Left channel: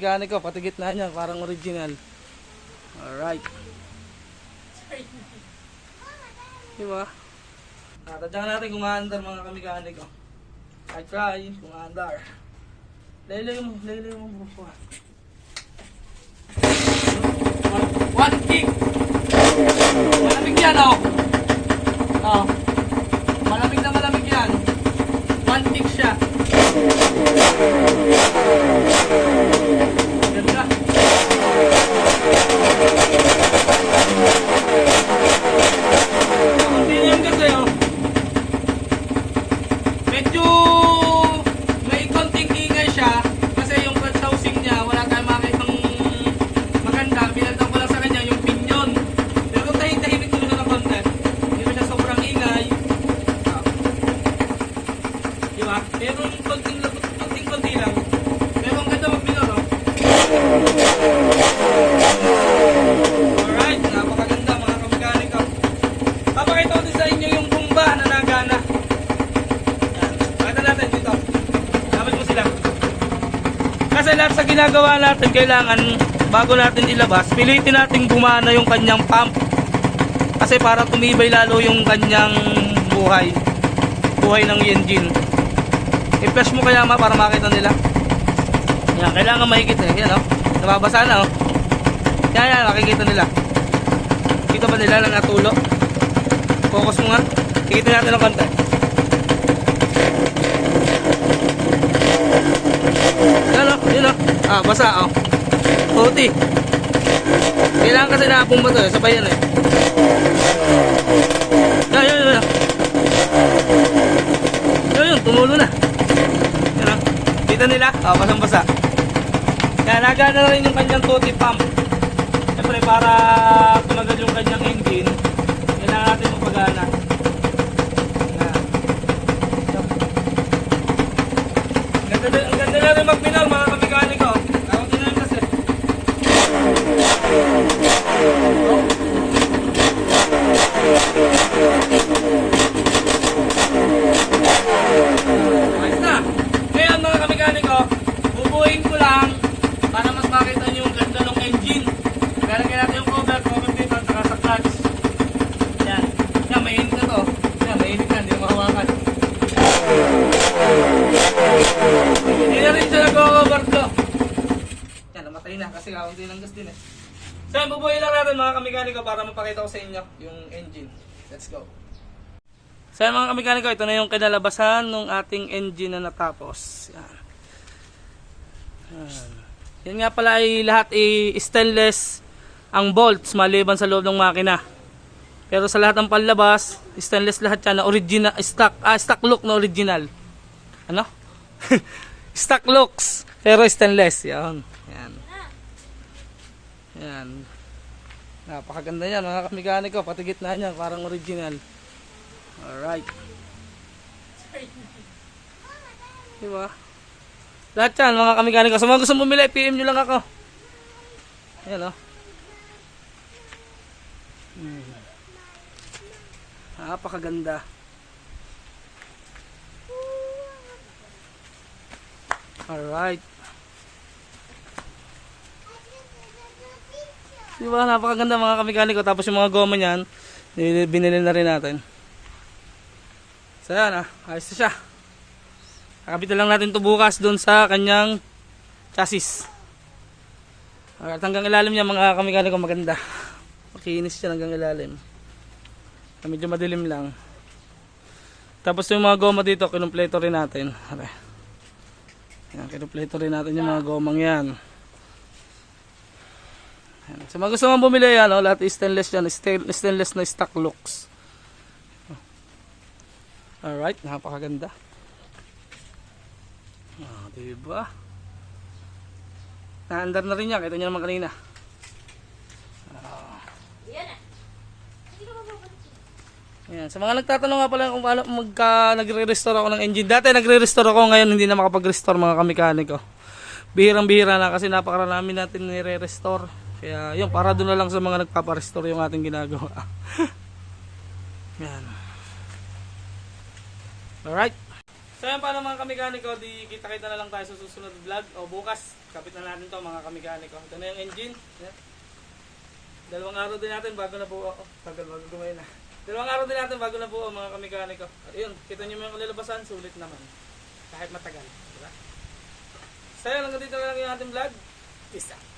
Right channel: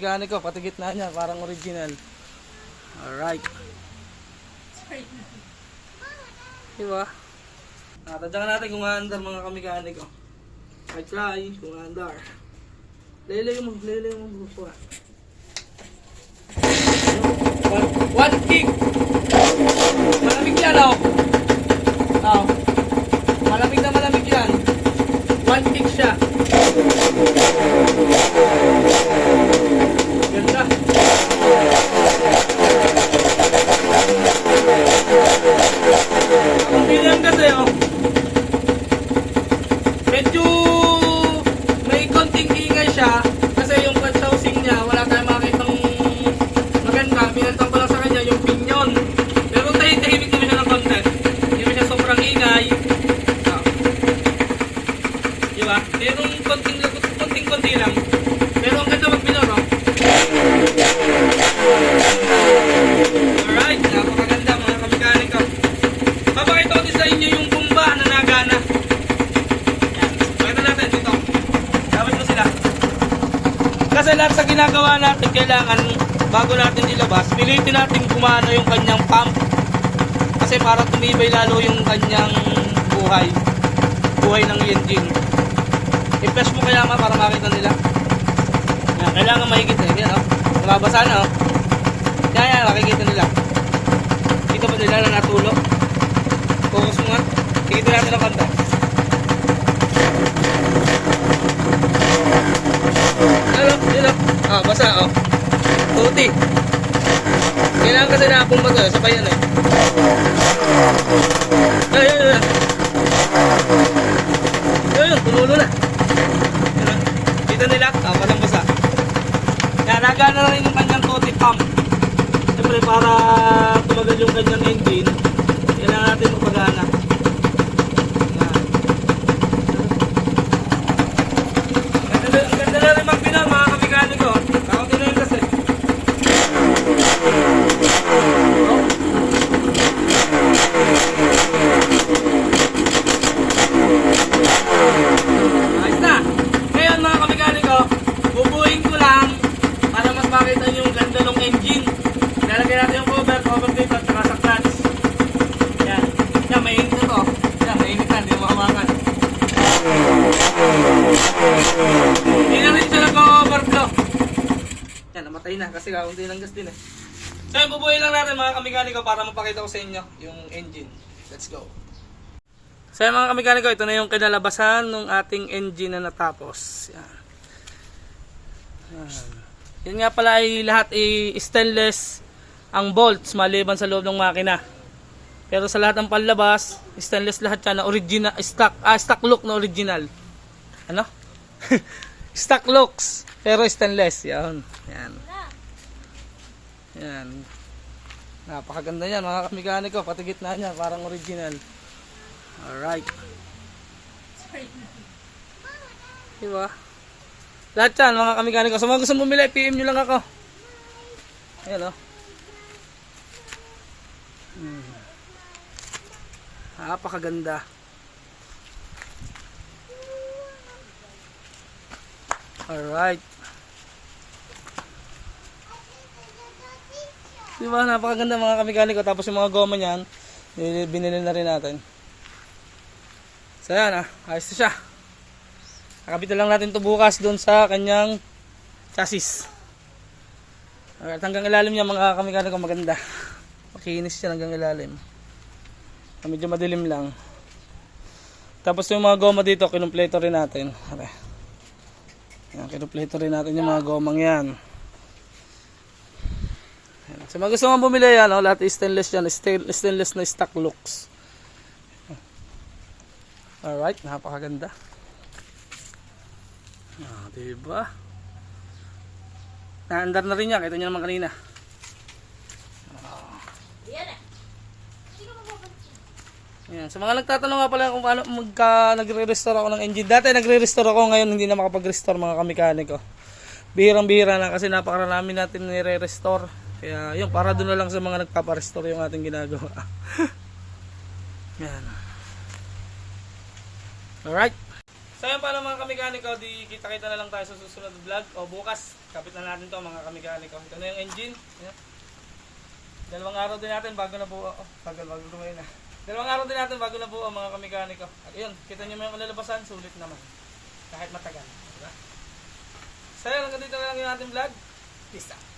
kamekaniko, pati gitna niya, parang original. Alright. Diba? Tadyakan natin kung aandar mga kamekaniko. I try kung aandar. Laylay mo buso. One kick. Malamig yan oh. Oh. Malamig na malamig yan. One kick siya. Ganda. Tingnan kasi oh. Medyo may konting ingay siya kasi yung pag-housing niya wala tayong makakitang maganda. Pinantang ko lang sa kanya yung pinyon. Pero tahimik naman siya ng konti. Hindi naman siya sobrang ingay. Diba? Pero konting-konti lang. Pero ang ganda mag-pinor oh. Alright, napakaganda mga kamekaniko. Papakita ko din sa inyo yung bumba na nagana. Yan, pakita natin dito. Dapat ko sila. Kasi lahat sa ginagawa natin, kailangan bago natin ilabas, pilitin natin gumana yung kanyang pump. Kasi para tumibay lalo yung kanyang buhay ng engine. I-flash mo kaya para makita nila. Yan, kailangan mahigit eh. Yan oh. Nababasa na oh. Yan, nakikita nila. Kita ba nila lang natulo? Focus mo nga. Ikita natin ang kanta. Yun oh. Ah, basa oh. Tuti. Kailangan kasi na akong basa. Sabay yan eh. Yan. Yun, tumulo na. Ano? Kita nila? Oh, basang basa. Kaya nagana na rin yung kanyang tuti pump. Siyempre para tumagal yung kanyang engine, kailangan natin magpagana. Ang ganda na rin magpinam mga kamekaniko. Tawag din na yan kasi. Ayos na. Ngayon mga kamekaniko, bubuhin ko lang para mas makita nyo yung ganda ng engine. Lalagyan natin yung cover tape at saka sa clutch. Yan. Yan, mainit na to. Yan, mainit na. Hindi mo mahawakan. Hindi na rin siya nag-overflow. Yan, namatay na kasi kakunti lang gas din eh. So yan, bubuhin lang natin mga kamekaniko para mapakita ko sa inyo yung engine. Let's go. So yan mga kamekaniko, ito na yung kinalabasan ng ating engine na natapos. Yan. Yan nga pala ay lahat ay stainless ang bolts maliban sa loob ng makina. Pero sa lahat ng panlabas, stainless lahat yan na original, stock look na original. Ano? Stock looks pero stainless. Yan. Yan. Napakaganda yan mga kamekaniko, pati gitna niya parang original. Alright. Diba? Lahat yan mga kamekaniko. Sa mga gusto bumili, PM nyo lang ako. Ayan o. Napakaganda. Alright. Diba? Napakaganda mga kamekaniko. Tapos yung mga goma nyan, binili na rin natin. So yan ayos na siya. Nakabit lang natin ito bukas doon sa kanyang chassis. At hanggang ilalim niya mga kamekaniko maganda. Makinis siya hanggang ilalim. Medyo madilim lang. Tapos yung mga goma dito, kinumpleto rin natin. Yan, kinumpleto rin natin yung mga gomang yan. So mga gusto mong bumili yan, lahat stainless yan. Stainless na stock looks. Alright, napakaganda. Diba? Naandar na rin yan. Kita nyo naman kanina. Yan. Sa mga nagtatanong nga pala kung paano nagre-restore ako ng engine. Dati nagre-restore ako, ngayon hindi na makapag-restore mga kamekaniko. Bihirang-bihira na kasi napakarami natin nire-restore. Kaya yun, para doon na lang sa mga nagpapa-restore yung ating ginagawa. Yan. Alright. So yan pala mga kamikaniko, di kita-kita na lang tayo sa susunod vlog o bukas. Kapit na natin to mga kamikaniko. Ito na yung engine. Yan. Dalawang araw din natin bago na buo. Oh, bago gumay na. Dalawang araw din natin bago na buo mga kamikaniko. At yun, kita nyo yung kalalabasan, sulit naman. Kahit matagal. Diba? So yan, hanggang dito na lang yung ating vlog. Peace out.